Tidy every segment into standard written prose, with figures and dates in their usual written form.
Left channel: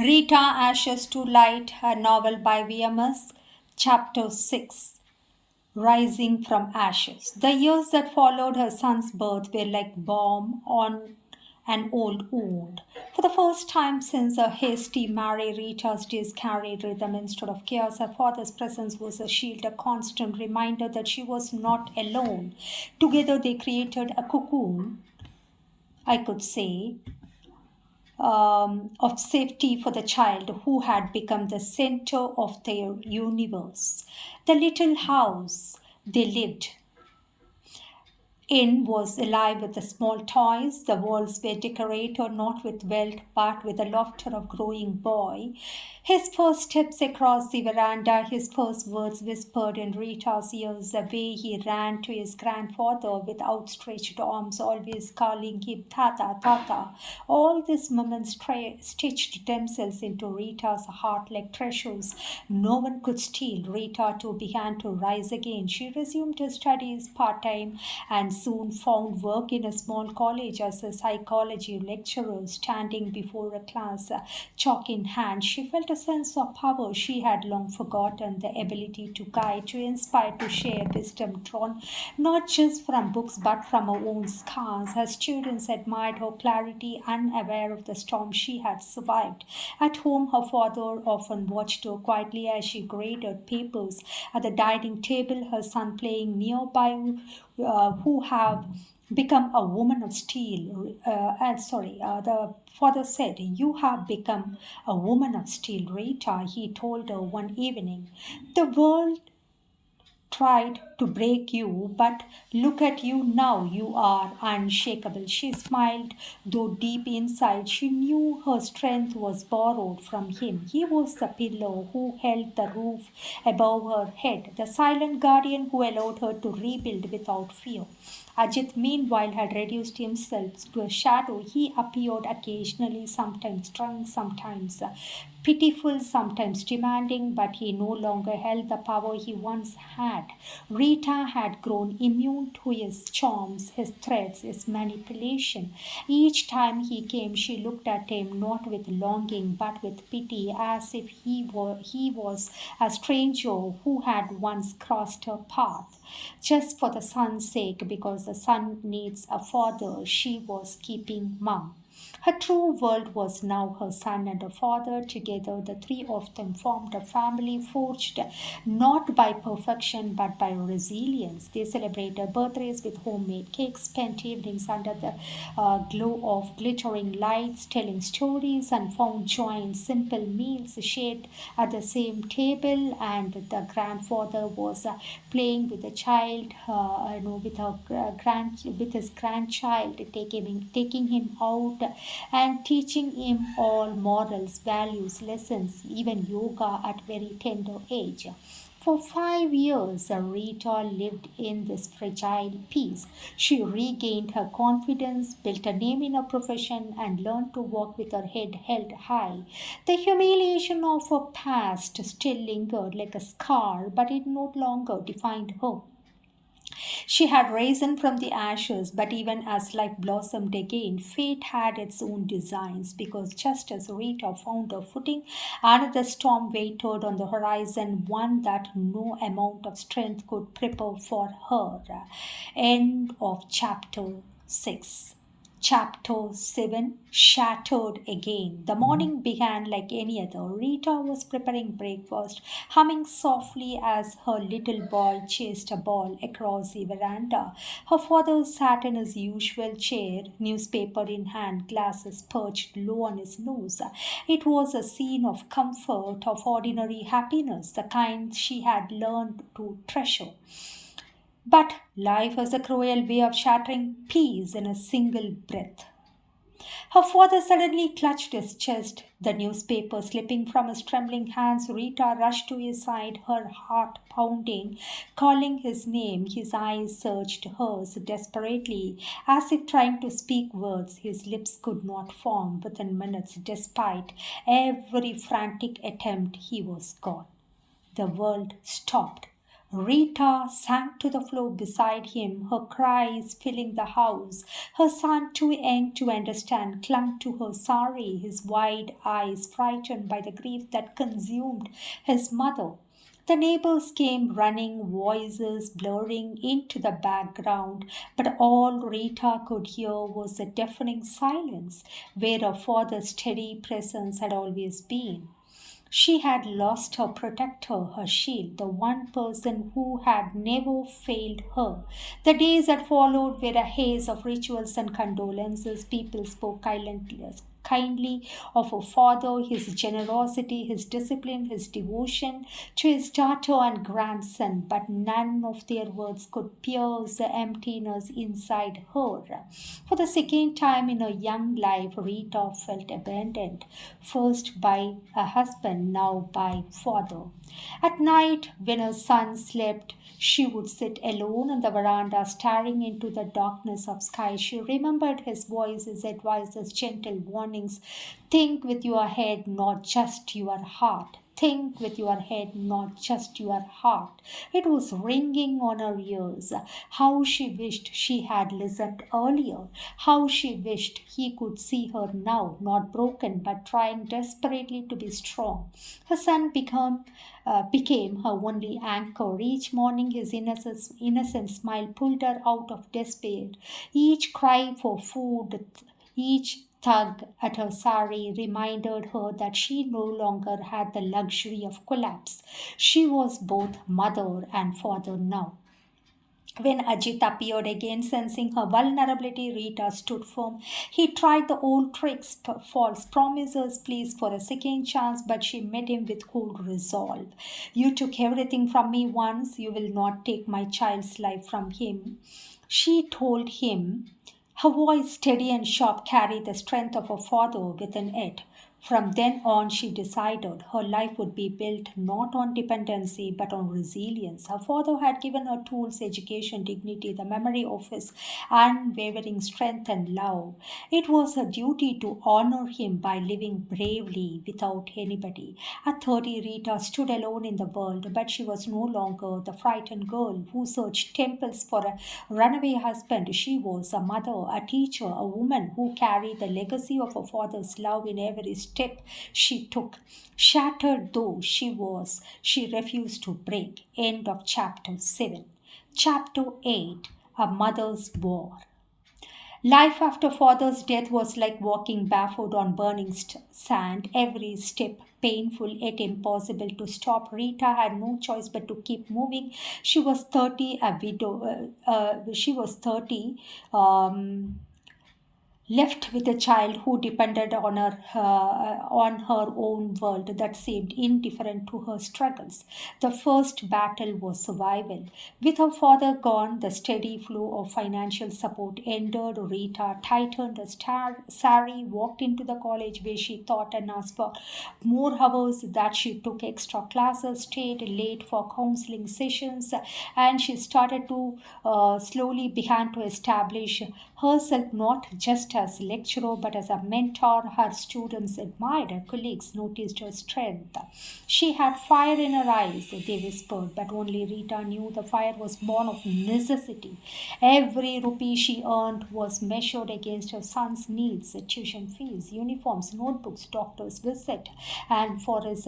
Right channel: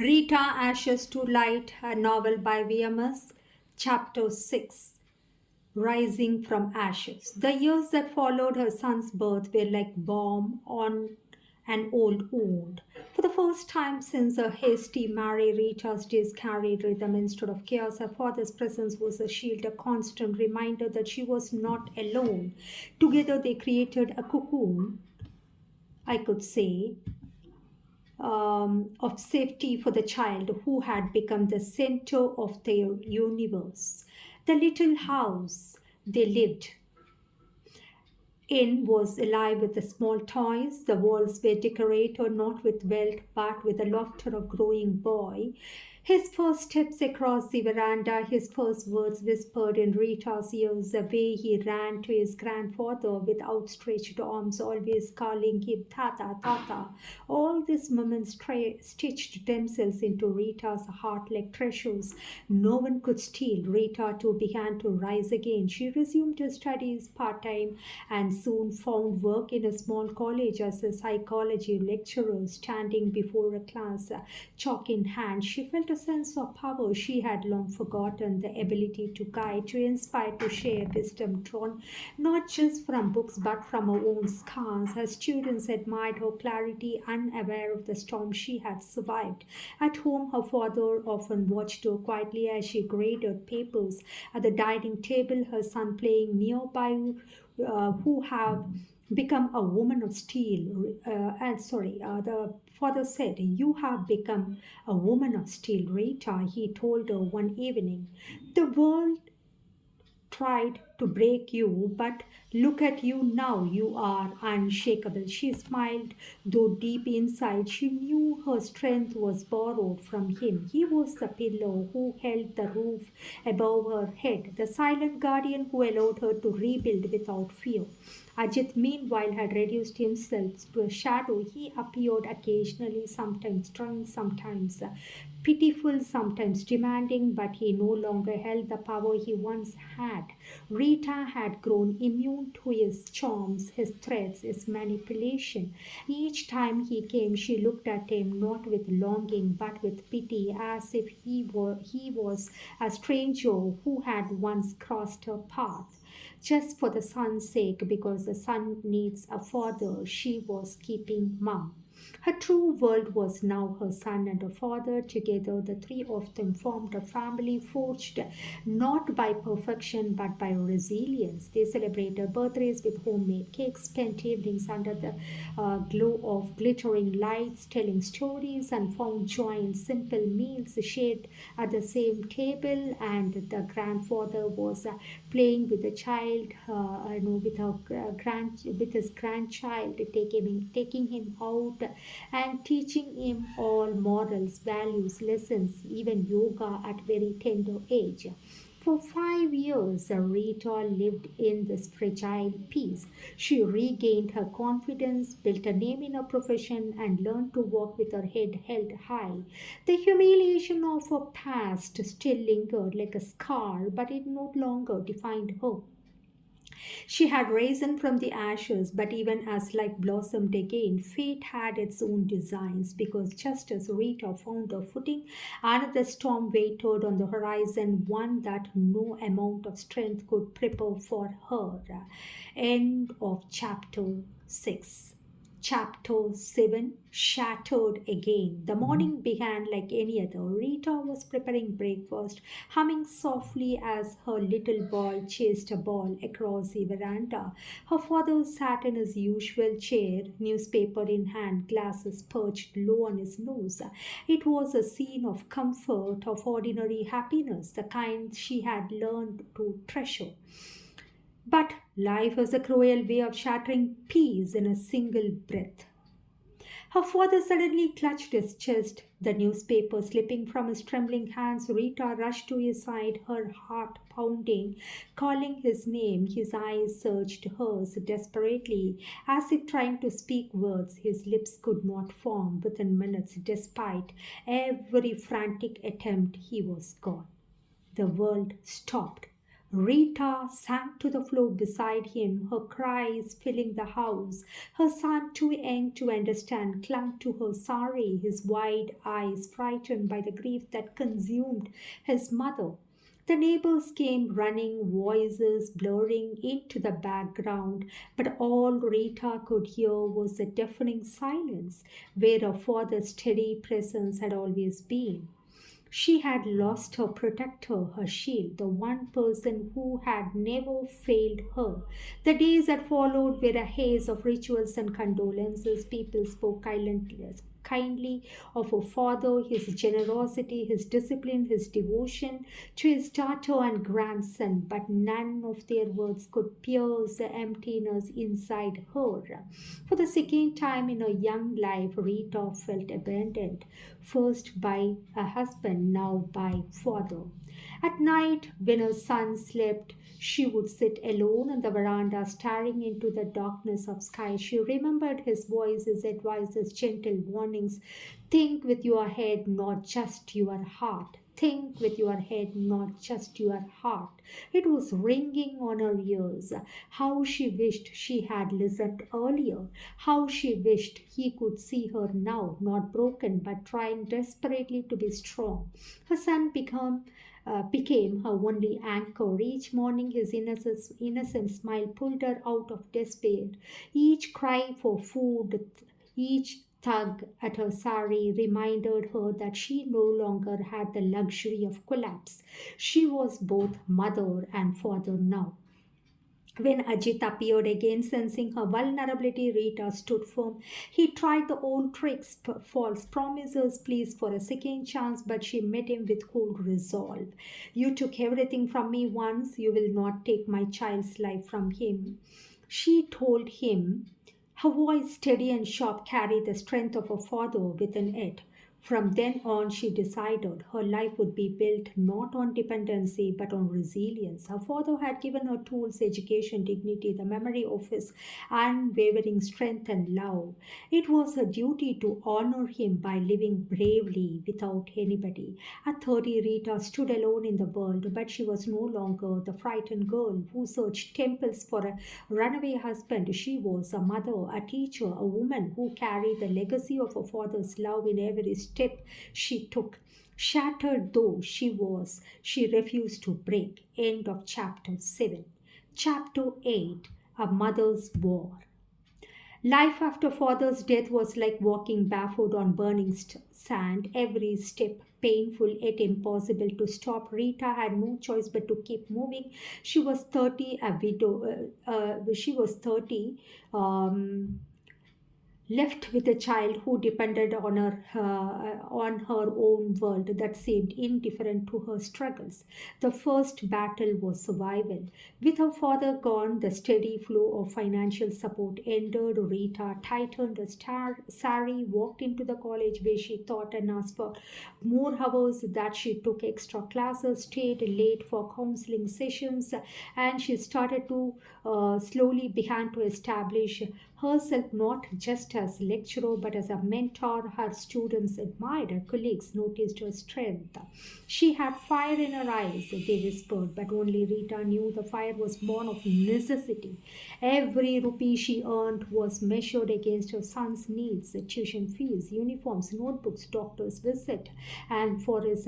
Rita Ashes to Light, a novel by VMS, Chapter 6. Rising from Ashes. The years that followed her son's birth were like balm on an old wound. For the first time since a hasty marriage, Rita's days carried rhythm instead of chaos. Her father's presence was a shield, a constant reminder that she was not alone. Together they created a cocoon, I could say, of safety for the child who had become the center of their universe. The little house they lived in was alive with the small toys. The walls were decorated not with wealth but with the laughter of growing boy. His first steps across the veranda, his first words whispered in Rita's ears, the way he ran to his grandfather with outstretched arms, always calling him Tata, Tata. All these moments stitched themselves into Rita's heart like treasures no one could steal. Rita too began to rise again. She resumed her studies part time and soon found work in a small college as a psychology lecturer, standing before a class, chalk in hand. She felt a sense of power she had long forgotten, the ability to guide, to inspire, to share wisdom drawn not just from books but from her own scars. Her students admired her clarity, unaware of the storm she had survived. At home, her father often watched her quietly as she graded papers. At the dining table, her son playing nearby, who have become a woman of steel. The father said, "You have become a woman of steel, Rita," he told her one evening. "The world tried to break you, but look at you now. You are unshakable." She smiled, though deep inside she knew her strength was borrowed from him. He was the pillar who held the roof above her head, the silent guardian who allowed her to rebuild without fear. Ajit, meanwhile, had reduced himself to a shadow. He appeared occasionally, sometimes drunk, sometimes pitiful, sometimes demanding, but he no longer held the power he once had. Rita had grown immune to his charms, his threats, his manipulation. Each time he came, she looked at him not with longing but with pity, as if he was a stranger who had once crossed her path. Just for the son's sake, because the son needs a father, she was keeping mum. Her true world was now her son and her father. Together, the three of them formed a family forged not by perfection but by resilience. They celebrated birthdays with homemade cakes, spent evenings under the glow of glittering lights, telling stories, and found joy in simple meals shared at the same table. And the grandfather was playing with the child, with his grandchild, taking him out and teaching him all morals, values, lessons, even yoga at very tender age. For 5 years, Rita lived in this fragile peace. She regained her confidence, built a name in her profession, and learned to walk with her head held high. The humiliation of her past still lingered like a scar, but it no longer defined her. She had risen from the ashes, but even as life blossomed again, fate had its own designs, because just as Rita found her footing, another storm waited on the horizon, one that no amount of strength could prepare for her. End of chapter 6. Chapter 7. Shattered again. The morning began like any other. Rita was preparing breakfast, humming softly as her little boy chased a ball across the veranda. Her father sat in his usual chair, newspaper in hand, glasses perched low on his nose. It was a scene of comfort, of ordinary happiness, the kind she had learned to treasure. But life has a cruel way of shattering peace in a single breath. Her father suddenly clutched his chest, the newspaper slipping from his trembling hands. Rita rushed to his side, her heart pounding, calling his name. His eyes searched hers desperately, as if trying to speak words his lips could not form. Within minutes, despite every frantic attempt, he was gone. The world stopped. Rita sank to the floor beside him, her cries filling the house. Her son, too young to understand, clung to her sari, his wide eyes frightened by the grief that consumed his mother. The neighbors came running, voices blurring into the background, but all Rita could hear was the deafening silence where her father's steady presence had always been. She had lost her protector, her shield, the one person who had never failed her. The days that followed were a haze of rituals and condolences. People spoke kindly of her father, his generosity, his discipline, his devotion to his daughter and grandson, but none of their words could pierce the emptiness inside her. For the second time in her young life, Rita felt abandoned, first by a husband, now by father. At night, when her son slept, she would sit alone on the veranda, staring into the darkness of sky. She remembered his voice, his advice, his gentle warnings. Think with your head, not just your heart. Think with your head, not just your heart. It was ringing on her ears. How she wished she had listened earlier. How she wished he could see her now, not broken, but trying desperately to be strong. Her son became her only anchor. Each morning, his innocent smile pulled her out of despair. Each cry for food, each tug at her sari reminded her that she no longer had the luxury of collapse. She was both mother and father now. When Ajit appeared again, sensing her vulnerability, Rita stood firm. He tried the old tricks, false promises, pleas for a second chance, but she met him with cold resolve. You took everything from me once, you will not take my child's life from him. She told him, her voice, steady and sharp, carried the strength of her father within it. From then on, she decided her life would be built not on dependency but on resilience. Her father had given her tools, education, dignity, the memory of his unwavering strength and love. It was her duty to honor him by living bravely without anybody. At 30, Rita stood alone in the world, but she was no longer the frightened girl who searched temples for a runaway husband. She was a mother, a teacher, a woman who carried the legacy of her father's love in every step she took. Shattered though she was, she refused to break. End of chapter 7. Chapter 8. A Mother's War. Life after father's death was like walking barefoot on burning sand, every step painful yet impossible to stop. Rita had no choice but to keep moving. She was 30, a widow. She was 30. Left with a child who depended on her own world that seemed indifferent to her struggles. The first battle was survival. With her father gone, the steady flow of financial support ended. Rita tightened her sari, walked into the college where she taught and asked for more hours, that she took extra classes, stayed late for counseling sessions, and she started to slowly began to establish herself not just as lecturer but as a mentor. Her students admired, her colleagues noticed her strength. She had fire in her eyes, they whispered, but only Rita knew the fire was born of necessity. Every rupee she earned was measured against her son's needs, tuition fees, uniforms, notebooks, doctor's visit, and for his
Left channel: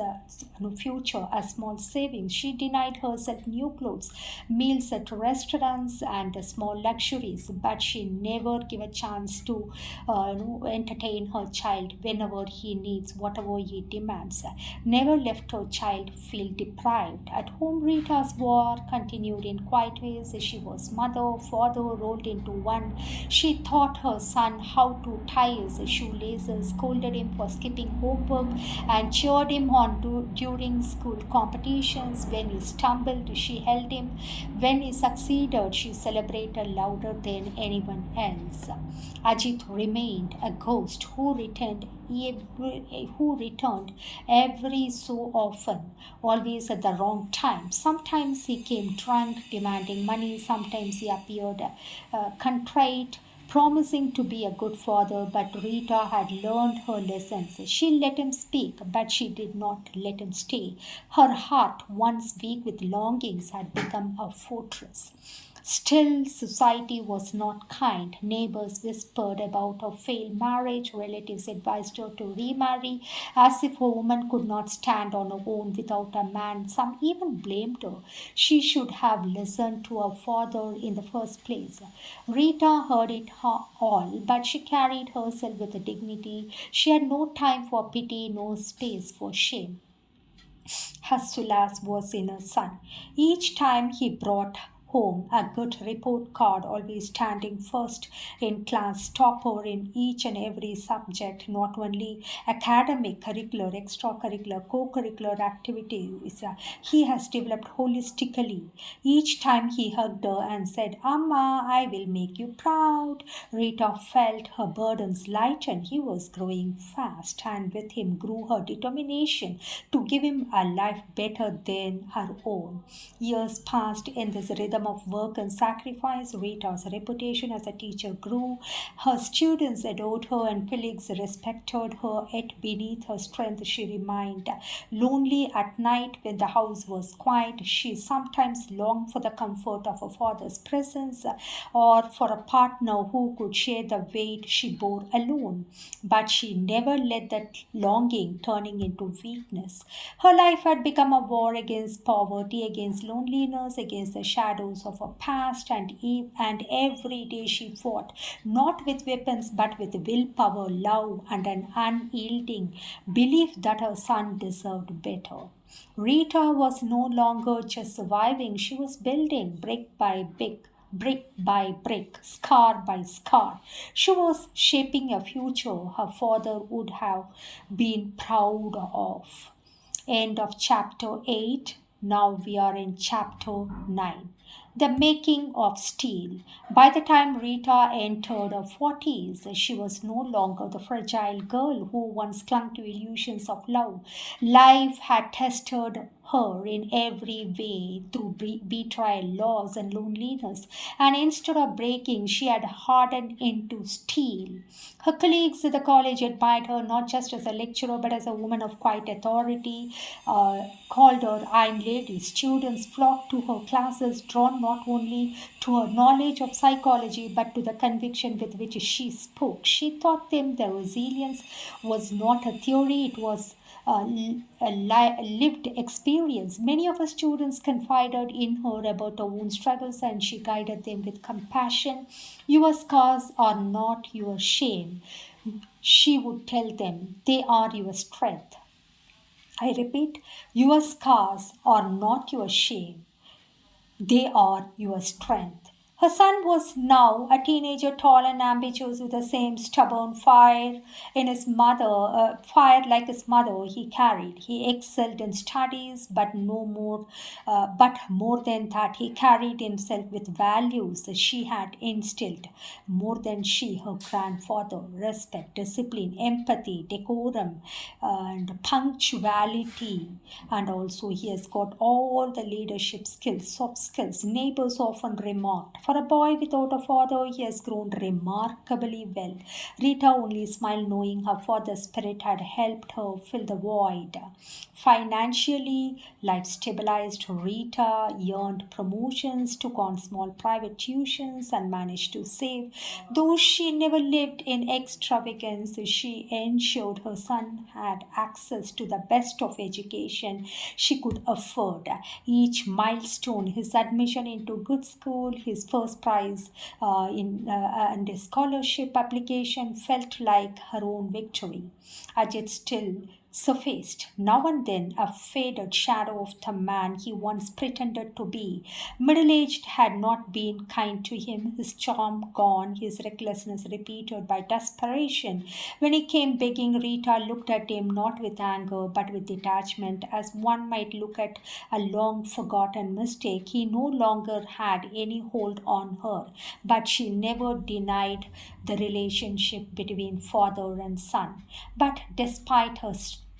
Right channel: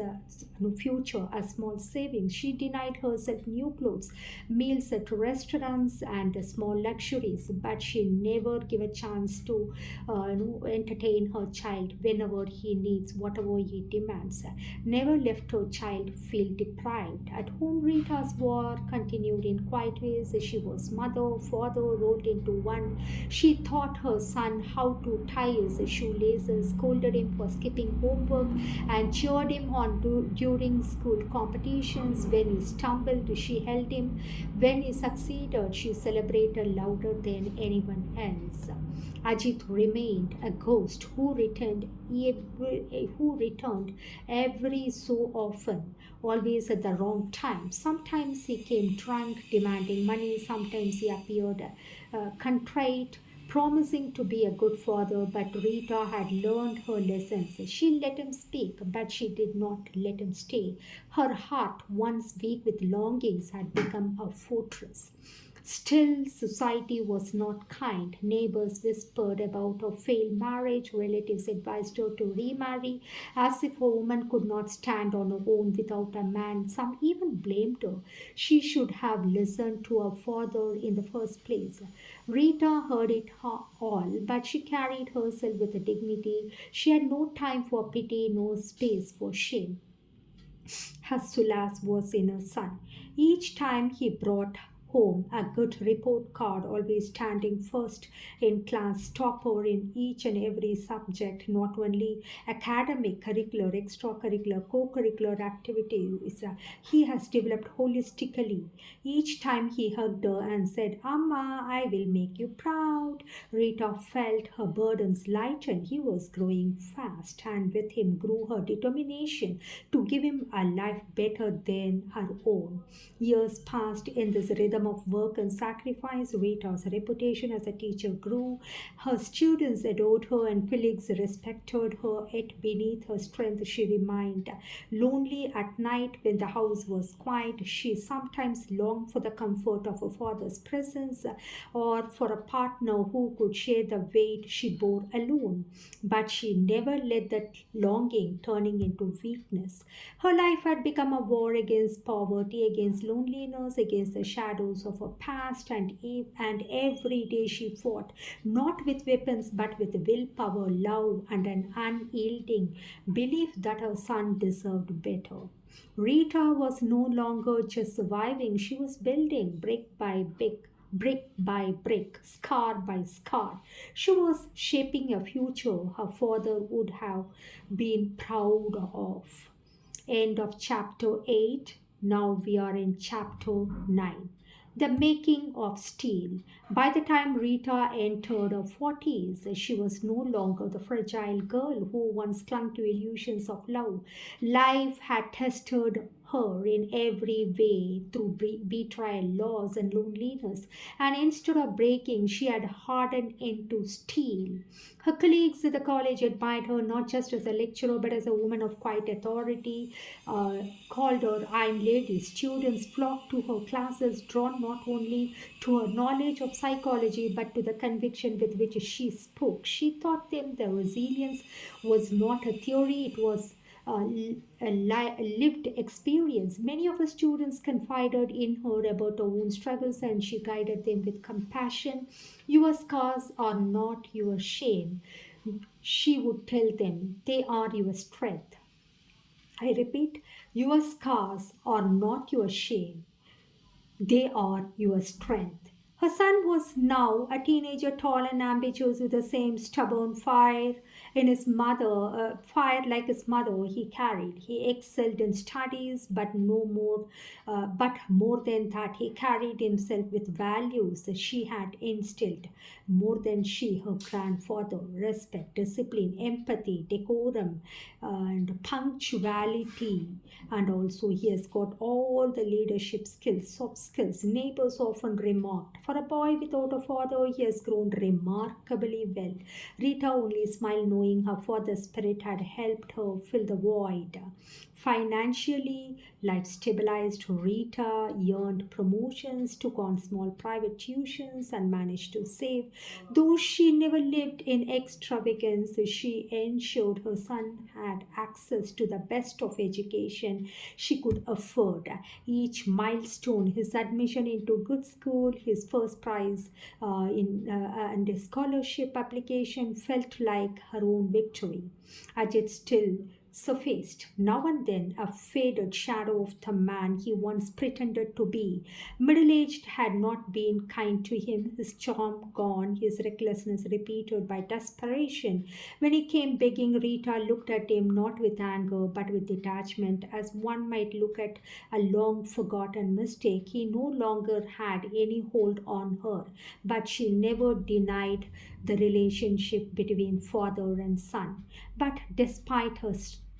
future, a small savings. She denied herself new clothes, meals at restaurants, and small luxuries, but she never gave a chance to entertain her child whenever he needs, whatever he demands. Never left her child feel deprived. At home, Rita's war continued in quiet ways. She was mother, father rolled into one. She taught her son how to tie his shoelaces, scolded him for skipping homework, and cheered him on during school competitions. When he stumbled, she held him. When he succeeded, she celebrated louder than anyone else. Ajit remained a ghost who returned every so often, always at the wrong time. Sometimes he came drunk, demanding money. Sometimes he appeared contrite, promising to be a good father, but Rita had learned her lessons. She let him speak, but she did not let him stay. Her heart, once weak with longings, had become a fortress. Still, society was not kind. Neighbors whispered about her failed marriage. Relatives advised her to remarry, as if a woman could not stand on her own without a man. Some even blamed her. She should have listened to her father in the first place. Rita heard it all, but she carried herself with dignity. She had no time for pity, no space for shame. Her solace was in her son. Each time he brought home a good report card, always standing first in class, topper in each and every subject, not only academic, curricular, extracurricular, co-curricular activities. He has developed holistically. Each time he hugged her and said, Amma, I will make you proud. Rita felt her burdens lighten. He was growing fast, and with him grew her determination to give him a life better than her own. Years passed in this rhythm of work and sacrifice. Rita's reputation as a teacher grew. Her students adored her and colleagues respected her, yet beneath her strength she remained lonely at night when the house was quiet. She sometimes longed for the comfort of her father's presence or for a partner who could share the weight she bore alone. But she never let that longing turning into weakness. Her life had become a war against poverty, against loneliness, against the shadows of her past, and every day she fought, not with weapons but with willpower, love, and an unyielding belief that her son deserved better. Rita was no longer just surviving, she was building brick by brick, scar by scar. She was shaping a future her father would have been proud of. End of chapter 8. Now we are in chapter 9. The making of steel. By the time Rita entered her 40s, she was no longer the fragile girl who once clung to illusions of love. Life had tested her in every way through betrayal, loss, and loneliness, and instead of breaking, she had hardened into steel. Her colleagues at the college admired her not just as a lecturer but as a woman of quiet authority, called her Iron Lady. Students flocked to her classes, drawn not only to her knowledge of psychology but to the conviction with which she spoke. She taught them that resilience was not a theory, it was a lived experience. Many of her students confided in her about her own struggles and she guided them with compassion. Your scars are not your shame, she would tell them, they are your strength. I repeat, your scars are not your shame, they are your strength. Her son was now a teenager, tall and ambitious, with the same stubborn fire like his mother he carried. He excelled in studies, but more than that, he carried himself with values that she had instilled more than she, her grandfather: respect, discipline, empathy, decorum, and punctuality. And also, he has got all the leadership skills, soft skills. Neighbors often remarked, for a boy without a father, he has grown remarkably well. Rita only smiled, knowing her father's spirit had helped her fill the void. Financially, life stabilized. Rita earned promotions, took on small private tuitions, and managed to save. Though she never lived in extravagance, she ensured her son had access to the best of education she could afford. Each milestone, his admission into good school, his first prize and his scholarship application, felt like her own victory. Ajit still surfaced now and then a faded shadow of the man he once pretended to be. Middle aged had not been kind to him, his charm gone, his recklessness repeated by desperation. When he came begging, Rita looked at him not with anger but with detachment, as one might look at a long forgotten mistake. He no longer had any hold on her, but she never denied the relationship between father and son. But despite her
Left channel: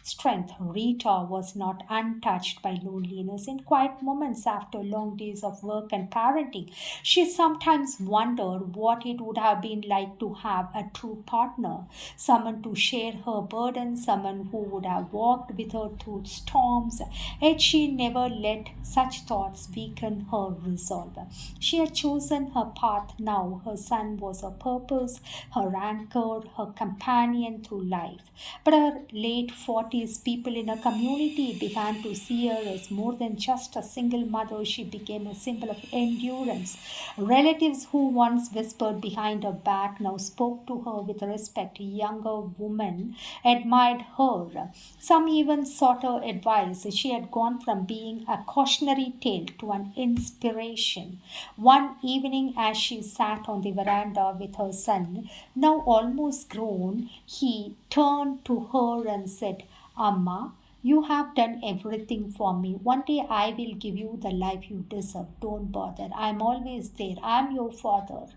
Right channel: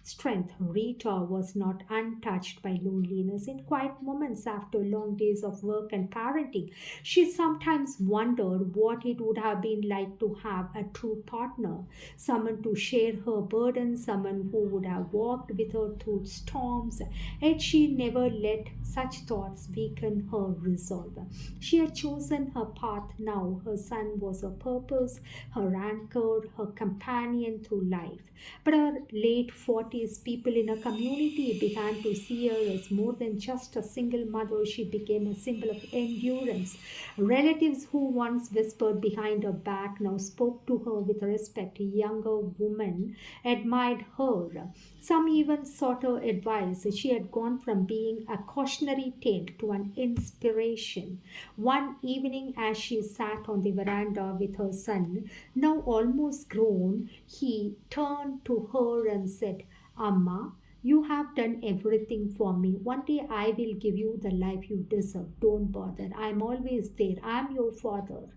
strength. Rita was not untouched by loneliness. In quiet moments after long days of work and parenting, she sometimes wondered what it would have been like to have a true partner, someone to share her burden, someone who would have walked with her through storms. Yet she never let such thoughts weaken her resolve. She had chosen her path now. Her son was her purpose, her anchor, her companion through life. But her late 40s, people in her community began to see her as more than just a single mother. She became a symbol of endurance. Relatives who once whispered behind her back now spoke to her with respect. Younger women admired her. Some even sought her advice. She had gone from being a cautionary tale to an inspiration. One evening, as she sat on the veranda with her son, now almost grown, he turned to her and said, Amma, you have done everything for me. One day I will give you the life you deserve. Don't bother. I'm always there. I'm your father.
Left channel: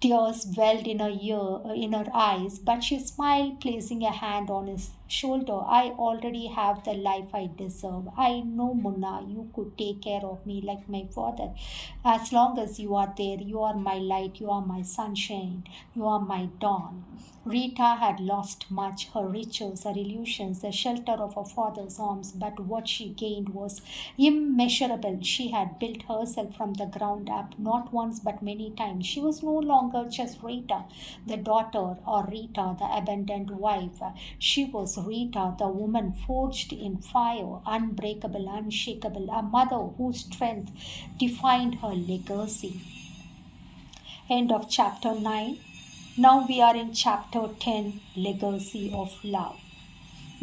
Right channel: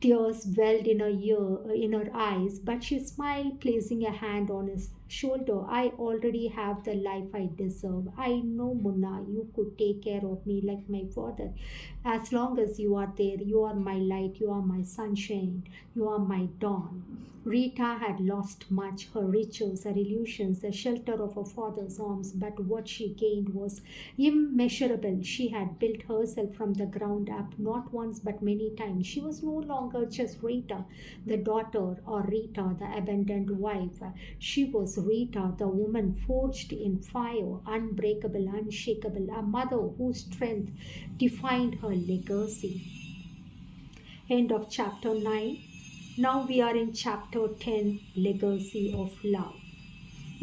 Tears welled in her eyes, but she smiled, placing a hand on his shoulder. I already have the life I deserve. I know, Munna, you could take care of me like my father. As long as you are there, you are my light, you are my sunshine, you are my dawn. Rita had lost much, her riches, her illusions, the shelter of her father's arms, but what she gained was immeasurable. She had built herself from the ground up, not once but many times. She was no longer just Rita, the daughter, or Rita, the abandoned wife. She was Rita, the woman forged in fire, unbreakable, unshakable, a mother whose strength defined her legacy. End of chapter 9. Now we are in chapter 10, Legacy of Love.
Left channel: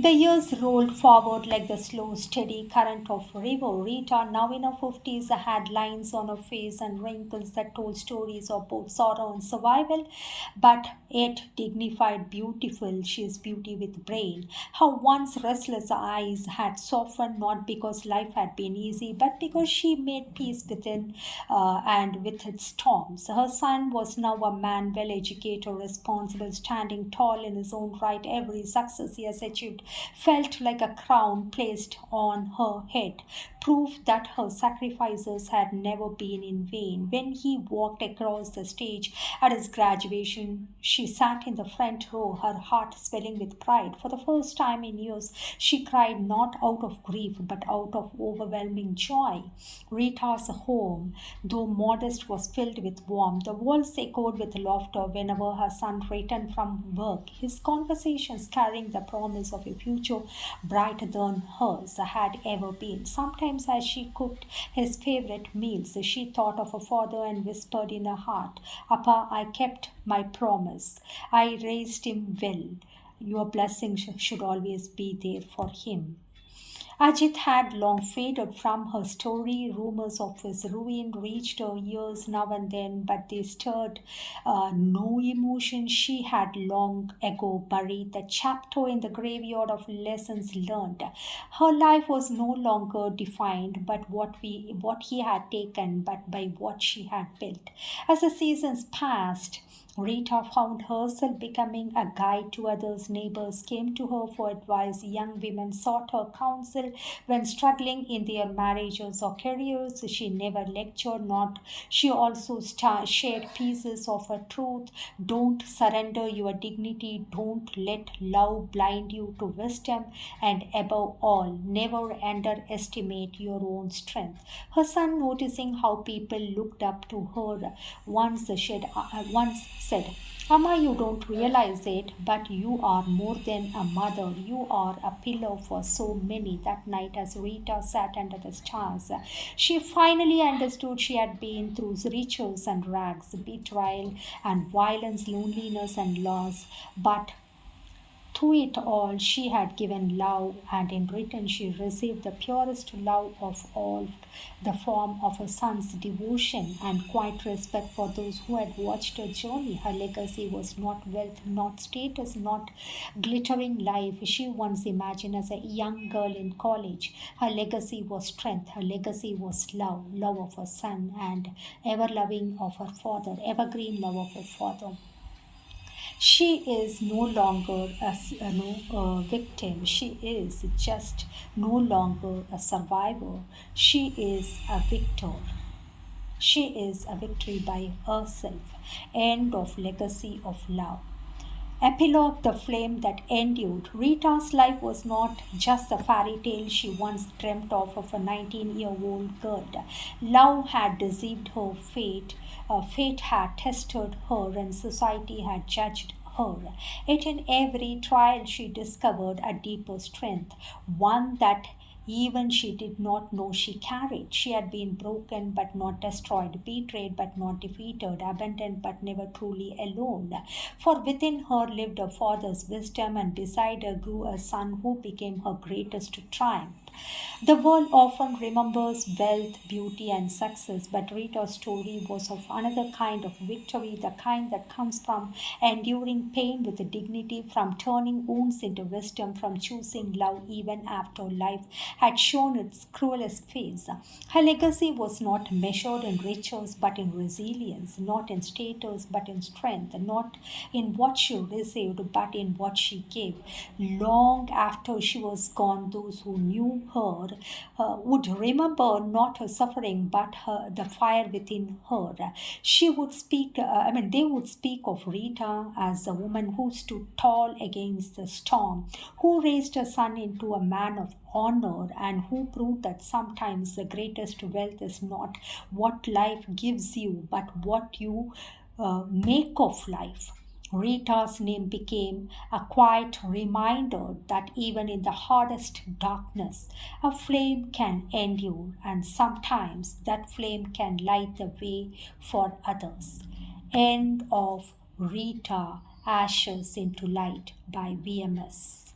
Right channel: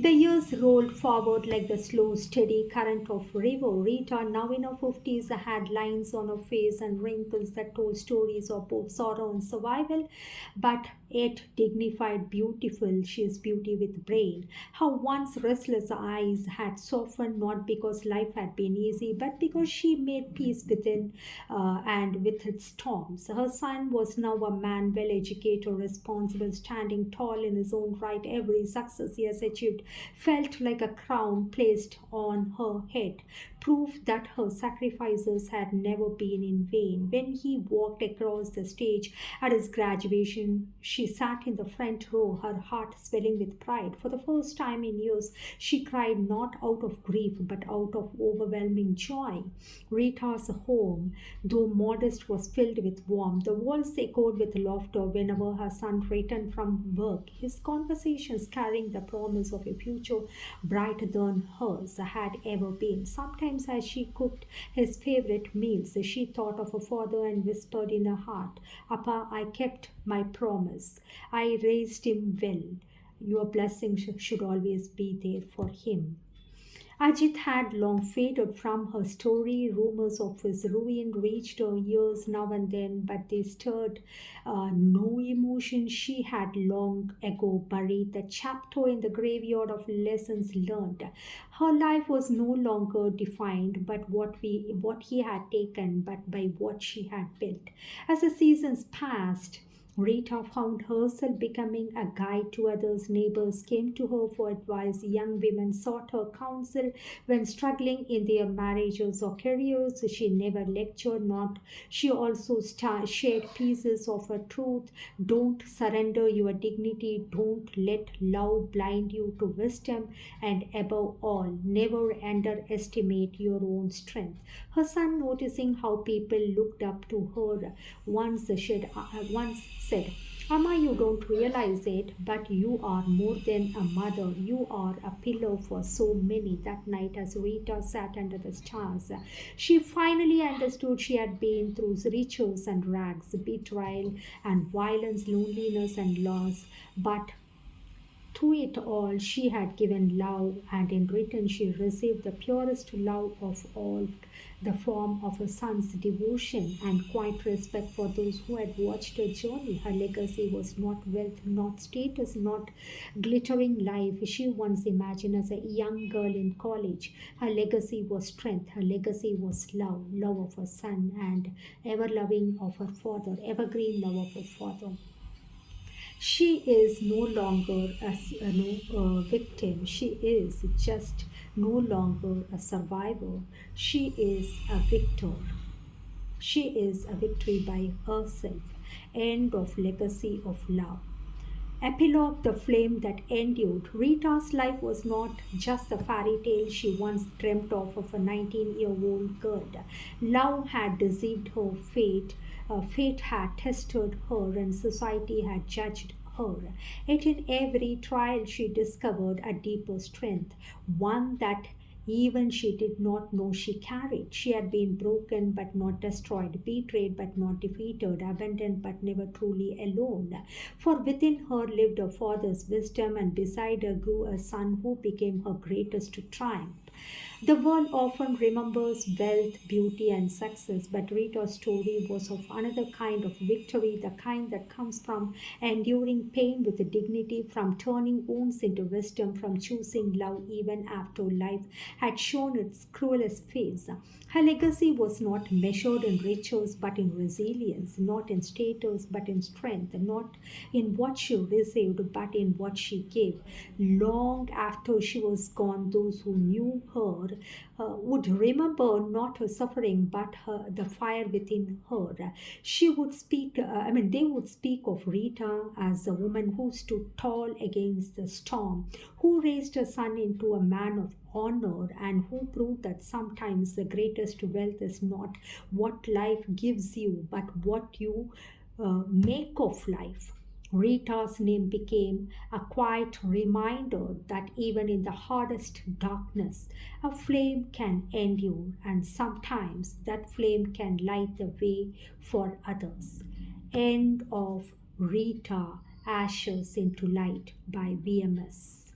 The years rolled forward like the slow, steady current of a river. Rita, now in her 50s, had lines on her face and wrinkles that told stories of both sorrow and survival, but yet dignified, beautiful. She is beauty with brain. Her once restless eyes had softened not because life had been easy, but because she made peace within and with its storms. Her son was now a man, well educated, responsible, standing tall in his own right. Every success he has achieved felt like a crown placed on her head, proof that her sacrifices had never been in vain. When he walked across the stage at his graduation, she sat in the front row, her heart swelling with pride. For the first time in years, she cried not out of grief but out of overwhelming joy. Rita's home, though modest, was filled with warmth. The walls echoed with laughter whenever her son returned from work, his conversations carrying the promise of a future brighter than hers had ever been. Sometimes, as she cooked his favorite meals, she thought of her father and whispered in her heart, Appa, I kept my promise. I raised him well. Your blessing should always be there for him. Ajit had long faded from her story. Rumors of his ruin reached her ears now and then, but they stirred no emotion. She had long ago buried the chapter in the graveyard of lessons learned. Her life was no longer defined by what he had taken, but by what she had built. As the seasons passed, Rita found herself becoming a guide to others. Neighbors came to her for advice. Young women sought her counsel when struggling in their marriages or careers. She never lectured, not. She also shared pieces of her truth. Don't surrender your dignity. Don't let love blind you to wisdom. And above all, never underestimate your own strength. Her son, noticing how people looked up to her, once said, Amma, you don't realize it, but you are more than a mother. You are a pillow for so many. That night, as Rita sat under the stars, she finally understood she had been through riches and rags, betrayal and violence, loneliness and loss. But through it all, she had given love, and in return, she received the purest love of all, the form of her son's devotion and quiet respect for those who had watched her journey. Her legacy was not wealth, not status, not glittering life she once imagined as a young girl in college. Her legacy was strength, her legacy was love, love of her son, and ever loving of her father, evergreen love of her father. She is no longer a victim. She is just no longer a survivor. She is a victor. She is a victory by herself. End of legacy of love. Epilogue: the flame that endured. Rita's life was not just the fairy tale she once dreamt of a 19-year-old girl. Love had deceived her, fate had tested her, and society had judged her. Yet in every trial she discovered a deeper strength, one that even she did not know she carried. She had been broken but not destroyed, betrayed but not defeated, abandoned but never truly alone. For within her lived her father's wisdom, and beside her grew a son who became her greatest triumph. The world often remembers wealth, beauty, and success, but Rita's story was of another kind of victory, the kind that comes from enduring pain with dignity, from turning wounds into wisdom, from choosing love even after life had shown its cruelest face. Her legacy was not measured in riches but in resilience, not in status but in strength, not in what she received but in what she gave. Long after she was gone, those who knew her would remember not her suffering but the fire within her. She would they would speak of Rita as a woman who stood tall against the storm, who raised her son into a man of honor, and who proved that sometimes the greatest wealth is not what life gives you but what you make of life. Rita's name became a quiet reminder that even in the hardest darkness, a flame can endure, and sometimes that flame can light the way for others. End of Rita, Ashes into Light by VMS.